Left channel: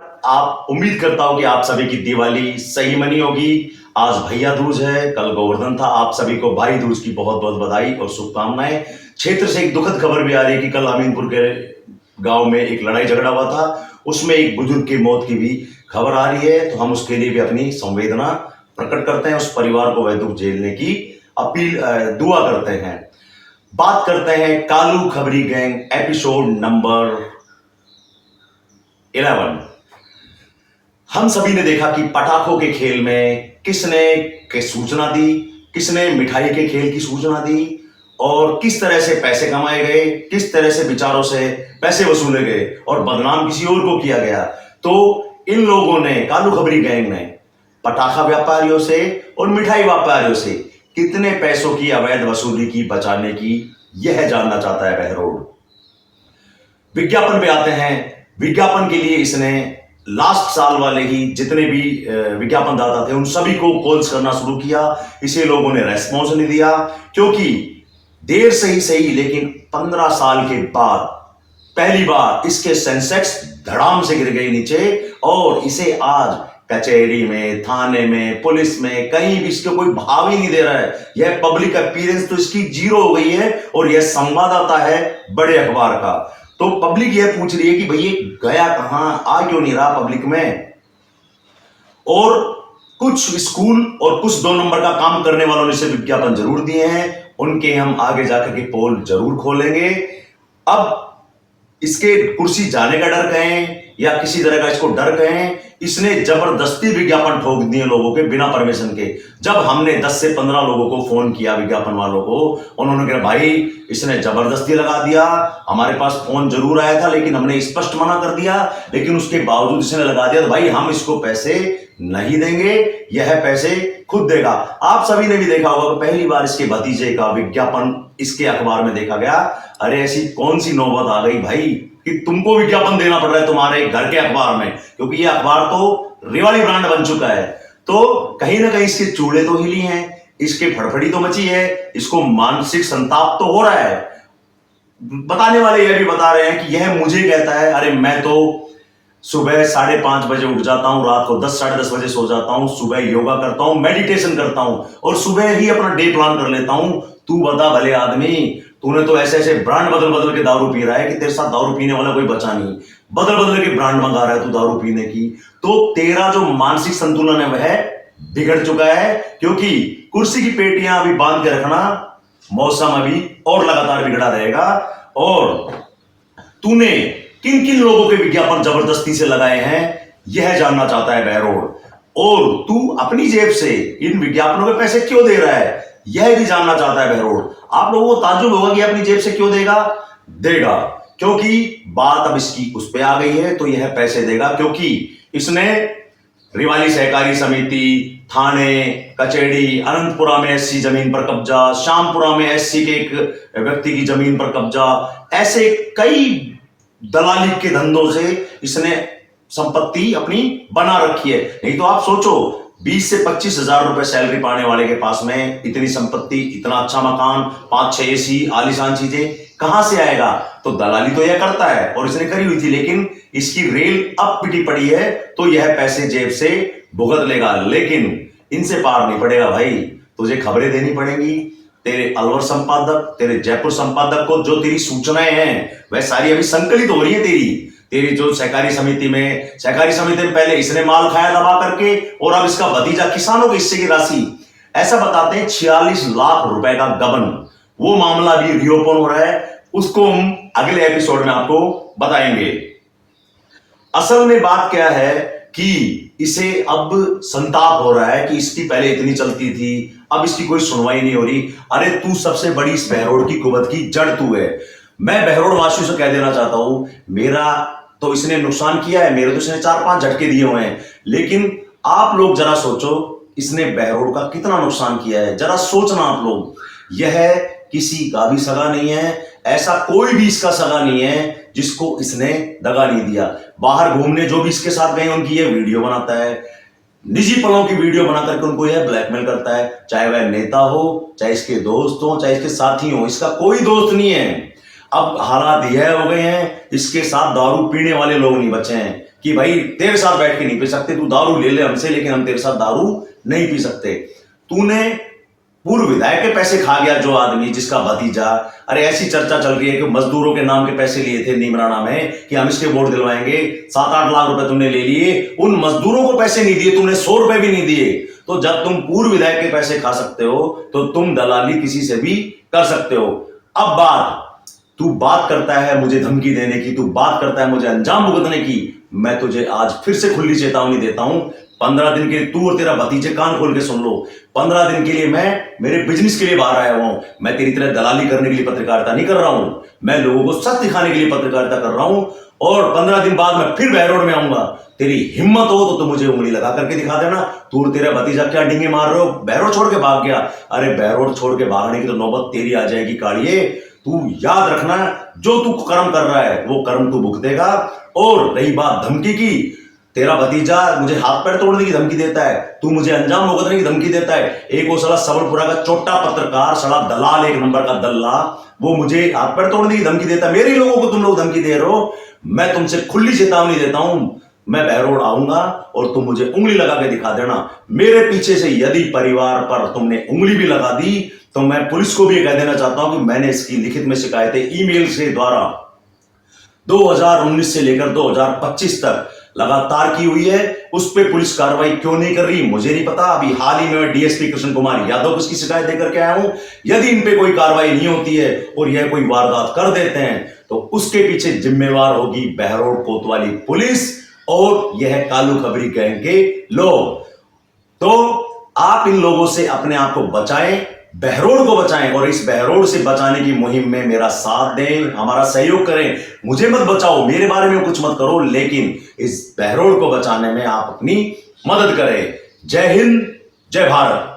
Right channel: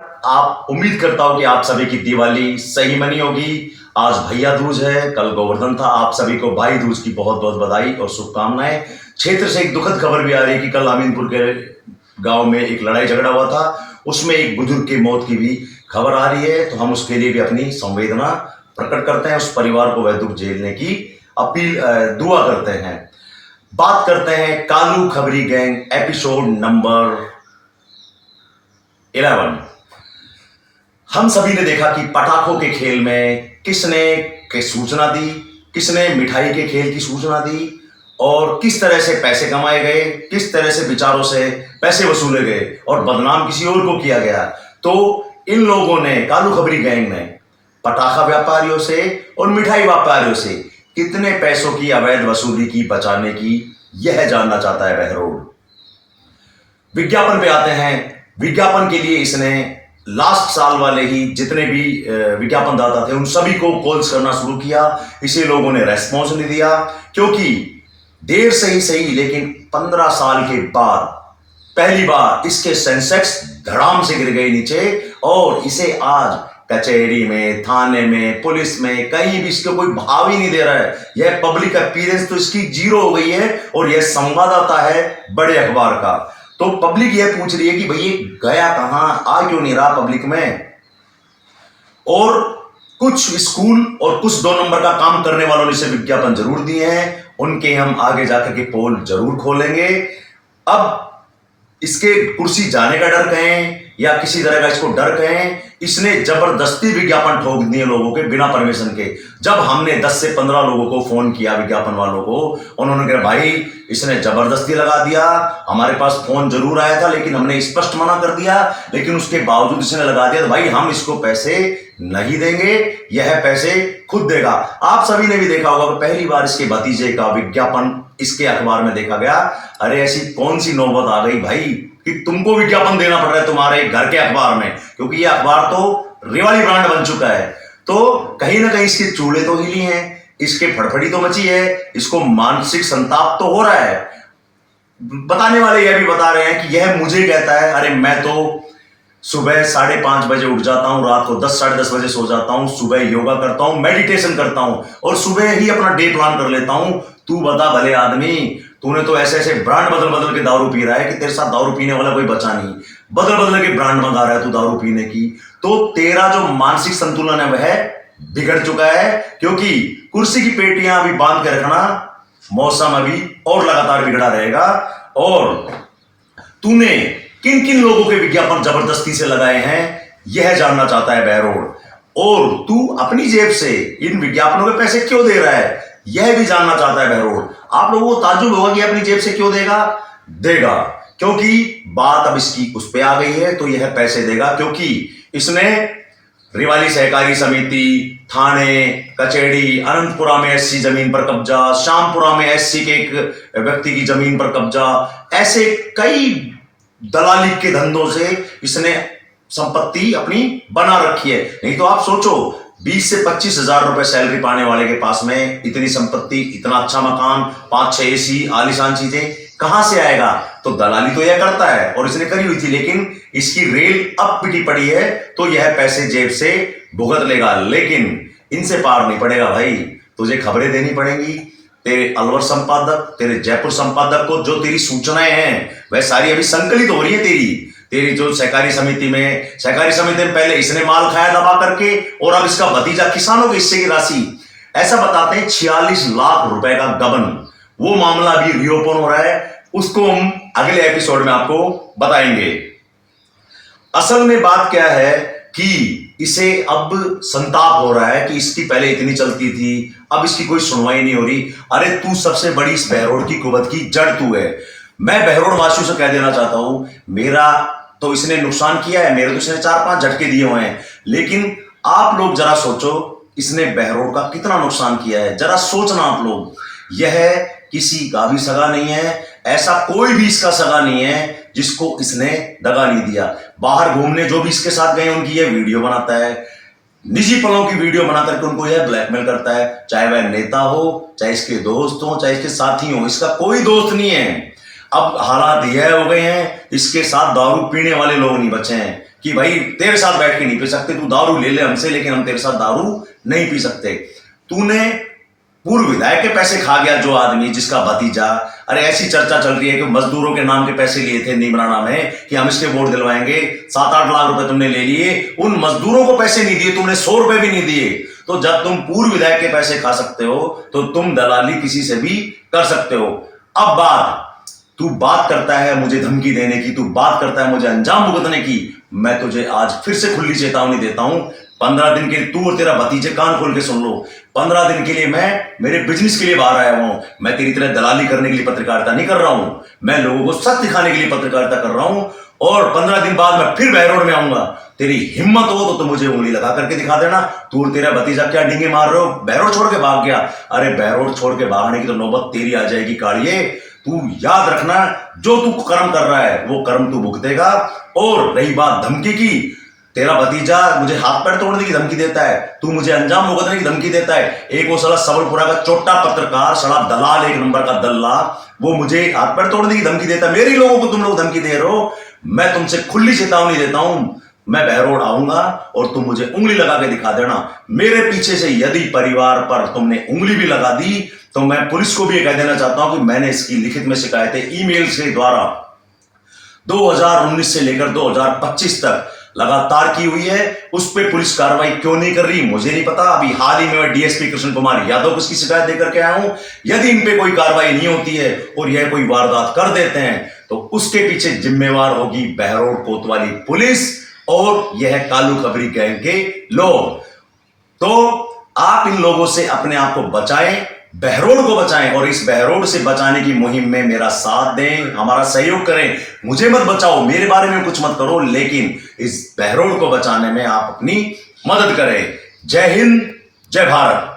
आप उम्मीद करता हूं कि आप सभी की दिवाली सही मनी होगी। आज भैया दूज है, कल गोवर्धन था। आप सभी को भाई दूज की बहुत बहुत बधाई और शुभकामनाएं। क्षेत्र से एक दुखद खबर भी आ रही है कि कल अमीनपुर के गांव में एक लड़ाई झगड़ा हुआ था, उसमें एक बुजुर्ग की मौत की भी खबर आ रही है। तो हम उसके लिए भी अपनी संवेदना प्रकट करते हैं, उस परिवार को वह दुख झेलने की अपील दुआ करते हैं। बात करते हैं कालू खबरी गैंग एपिसोड नंबर 11। हम सभी ने देखा कि पटाखों के खेल में किसने के सूचना दी, किसने मिठाई के खेल की सूचना दी और किस तरह से पैसे कमाए गए, किस तरह से विचारों से पैसे वसूले गए और बदनाम किसी और को किया गया। तो इन लोगों ने, कालू खबरी गैंग ने पटाखा व्यापारियों से और मिठाई व्यापारियों से कितने पैसों की अवैध वसूली की बचाने की, यह जानना चाहता है बहरोड। विज्ञापन पे आते हैं। विज्ञापन के लिए इसने लास्ट साल वाले ही जितने भी विज्ञापन दाता थे उन सभी को कॉल्स करना शुरू किया। इसे लोगों ने रेस्पॉन्स नहीं दिया, क्योंकि देर से ही सही लेकिन 15 साल के बाद पहली बार इसके सेंसेक्स धड़ाम से गिर गए नीचे और इसे आज कचहरी में, थाने में, पुलिस में कहीं भी इसको कोई भाव ही नहीं दे रहा है। यह पब्लिक अपीयरेंस तो इसकी जीरो हो गई है और यह संवाददाता है बड़े अखबार का। तो पब्लिक यह पूछ रही है कि भाई ये गया कहां, आ क्यों नहीं रहा पब्लिक में। और कुछ स्कूल और कुछ 2 नंबर का काम करने वालों ने इसे विज्ञापन जरूर दिए हैं, उनके हम आगे जाकर के पोल जरूर खोलेंगे। अब इसके कुर्सी जाने का डर कहें या किसी तरह का इसको डर कहें, इसने जबरदस्ती विज्ञापन ठोक दिए लोगों के बिना परमिशन के। जब हमने 10 से 15 लोगों को फोन किया, विज्ञापन वालों को, उन्होंने कहा भाई इसने जबरदस्ती लगा दिया, हमारे पास फोन जरूर आया था लेकिन हमने स्पष्ट मना कर दिया, लेकिन उसके बावजूद इसने लगा दिया। तो भाई हम इसको पैसे नहीं देंगे, यह पैसे खुद देगा। आप सभी ने भी देखा होगा कि पहली बार इसके भतीजे का विज्ञापन इसके अखबार में देखा गया। अरे ऐसी कौन सी नौबत आ गई भाई कि तुमको विज्ञापन देना पड़ रहा है तुम्हारे घर के अखबार में, क्योंकि ये अखबार तो रिवाली ब्रांड बन चुका है। तो कहीं ना कहीं इसके चूड़े तो हिली हैं, इसके फड़फड़ी तो मची है, इसको मानसिक संताप तो हो रहा है। बताने वाले यह भी बता रहे हैं कि यह मुझे कहता है, अरे मैं तो सुबह 5:30 बजे उठ जाता हूं, रात को 10 साढ़े 10 बजे सो जाता हूं, सुबह योगा करता हूं, मेडिटेशन करता हूं और सुबह ही अपना डे प्लान कर लेता हूं। तू बता भले आदमी, तूने तो ऐसे ऐसे ब्रांड बदल बदल के दारू पी रहा है कि तेरे साथ दारू पीने वाला कोई बचा नहीं। बदल बदल के ब्रांड मंगा रहा है तू दारू पीने की। तो तेरा जो मानसिक संतुलन है वह बिगड़ चुका है, क्योंकि कुर्सी की पेटियां अभी बांध के रखना, मौसम अभी और लगातार बिगड़ा रहेगा। और तूने किन किन लोगों के विज्ञापन जबरदस्ती से लगाए हैं यह जानना चाहता है बहरोड। और तू अपनी जेब से इन विज्ञापनों के पैसे क्यों दे रहा है यह भी जानना चाहता है बहरोड। आप लोगों को ताज्जुब होगा कि अपनी जेब से क्यों देगा, क्योंकि बात अब इसकी उस पे आ गई है। तो यह पैसे देगा क्योंकि इसने रिवाली सहकारी समिति, थाने, कचहरी, अनंतपुरा में एससी जमीन पर कब्जा, श्यामपुरा में एससी के एक व्यक्ति की जमीन पर कब्जा, ऐसे कई दलाली के धंधों से इसने संपत्ति अपनी बना रखी है। नहीं तो आप सोचो 20 से 25 हजार रुपए सैलरी पाने वाले के पास में इतनी संपत्ति, इतना अच्छा मकान, 5-6 एसी, आलीशान चीजें कहां से आएगा। तो दलाली तो यह करता है और इसने करी हुई थी, लेकिन इसकी रेल अब पिटी पड़ी है तो यह पैसे जेब से भुगत लेगा। लेकिन इनसे पार नहीं पड़ेगा भाई, तुझे खबरें देनी पड़ेंगी। तेरे अलवर संपादक, तेरे जयपुर संपादक को जो तेरी सूचनाएं हैं वह सारी अभी संकलित हो रही है। तेरी जो सहकारी समिति में पहले इसने माल खाया दबा करके और अब इसका भतीजा किसानों के हिस्से की राशि, ऐसा बताते हैं 46 लाख रुपए का गबन, वो मामला अभी रिओपन हो रहा है। उसको हम अगले एपिसोड में आपको बताएंगे। असल में बात क्या है कि इसे अब संताप हो रहा है कि इसकी पहले इतनी चलती थी, अब इसकी कोई सुनवाई नहीं हो रही। अरे तू सबसे बड़ी इस बहरोड की कुवत की जड़ तू है। मैं बहरोड वासियों से कह देना चाहता हूं, मेरा तो इसने नुकसान किया है, मेरे तो इसने 4-5 झटके दिए हुए हैं, लेकिन आप लोग जरा सोचो इसने बहरोड का कितना नुकसान किया है। जरा सोचना आप लोग, यह किसी का भी सगा नहीं है, ऐसा कोई भी इसका सगा नहीं है जिसको इसने दगा नहीं दिया। बाहर घूमने जो भी इसके साथ गए उनकी यह वीडियो बनाता है, निजी पलों की वीडियो बना करके उनको यह ब्लैकमेल करता है, चाहे वह नेता हो, चाहे इसके दोस्त हो, चाहे इसके साथी हो। इसका कोई दोस्त नहीं है। अब हालात यह हो गए हैं, इसके साथ दारू पीने वाले लोग नहीं बचे हैं, कि भाई तेरे साथ बैठ के नहीं पी सकते, तू दारू ले ले हमसे, लेकिन हम तेरे साथ दारू नहीं पी सकते। तूने पूर्व विधायक के पैसे खा गया जो आदमी, जिसका भतीजा, अरे ऐसी चर्चा चल रही है कि मजदूरों के नाम के पैसे लिए थे नीमराना में कि हम इसके वोट दिलवाएंगे, 7-8 लाख रुपए तुमने ले लिए, उन मजदूरों को पैसे नहीं दिए तुमने, 100 रुपए भी नहीं दिए। तो जब तुम पूर्व विधायक के पैसे खा सकते हो तो तुम दलाली किसी से भी कर सकते हो। अब तू बात करता है मुझे धमकी देने की, तू बात करता है मुझे अंजाम भुगतने की, मैं तुझे आज फिर से खुली चेतावनी देता हूं। 15 दिन के तू और तेरा भतीजे कान खोल के सुन लो, 15 दिन के लिए मैं मेरे बिजनेस के लिए बाहर आया हुआ हूं। मैं तेरी तरह दलाली करने के लिए पत्रकारिता नहीं कर रहा हूं, मैं लोगों को सच दिखाने के लिए पत्रकारिता कर रहा हूं। और 15 दिन बाद मैं फिर बहरोड में आऊंगा। तेरी हिम्मत हो तो मुझे उंगली लगा करके दिखा देना। तू और तेरा भतीजा क्या डिंगे मार रहे हो, बहरोड छोड़ के भाग गया। अरे बहरोड छोड़ के भागने की तो नौबत तेरी आ जाएगी कालिए। तू याद रखना, जो तू कर्म कर रहा है वो कर्म तू भुगतेगा। और रही बात धमकी की, तेरा भतीजा मुझे हाथ पैर तोड़ने की धमकी देता है, तू मुझे अंजाम भुगतने की धमकी देता है। एक वो साला सबलपुरा का छोटा पत्रकार, साला दलाल, 1 नंबर का दल्ला, वो मुझे हाथ पैर तोड़ने की धमकी देता है। मेरे लोगों को तुम लोग धमकी दे रहे हो। मैं तुमसे खुली चेतावनी देता हूं, मैं बहरोड आऊंगा और तुम मुझे उंगली लगा के दिखा देना। मेरे पीछे से यदि परिवार पर तुमने उंगली भी लगा दी तो मैं पुलिस को भी कह देना चाहता हूं कि मैंने इसकी लिखित में शिकायतें ईमेल से द्वारा 2019 से लेकर 2025 तक लगातार की हुई है। उस पर पुलिस कार्रवाई क्यों नहीं कर रही मुझे नहीं पता। अभी हाल ही में मैं डीएसपी कृष्ण कुमार यादव को इसकी शिकायत देकर के आया हूं। यदि इन पे कोई कार्रवाई नहीं होती है और यह कोई वारदात कर देते हैं तो उसके पीछे जिम्मेवार होगी बहरोड कोतवाली पुलिस और यह कालू खबरी गैंग के लोग। तो आप इन लोगों से अपने आप को बचाएं, बहरोड को बचाएं, और इस बहरोड से बचाने की मुहिम में मेरा साथ दें, हमारा सहयोग करें। मुझे मत बचाओ, मेरे बारे में कुछ मत करो, लेकिन इस बहरोड को बचाने में आप अपनी मदद करें। जय हिंद, जय भारत।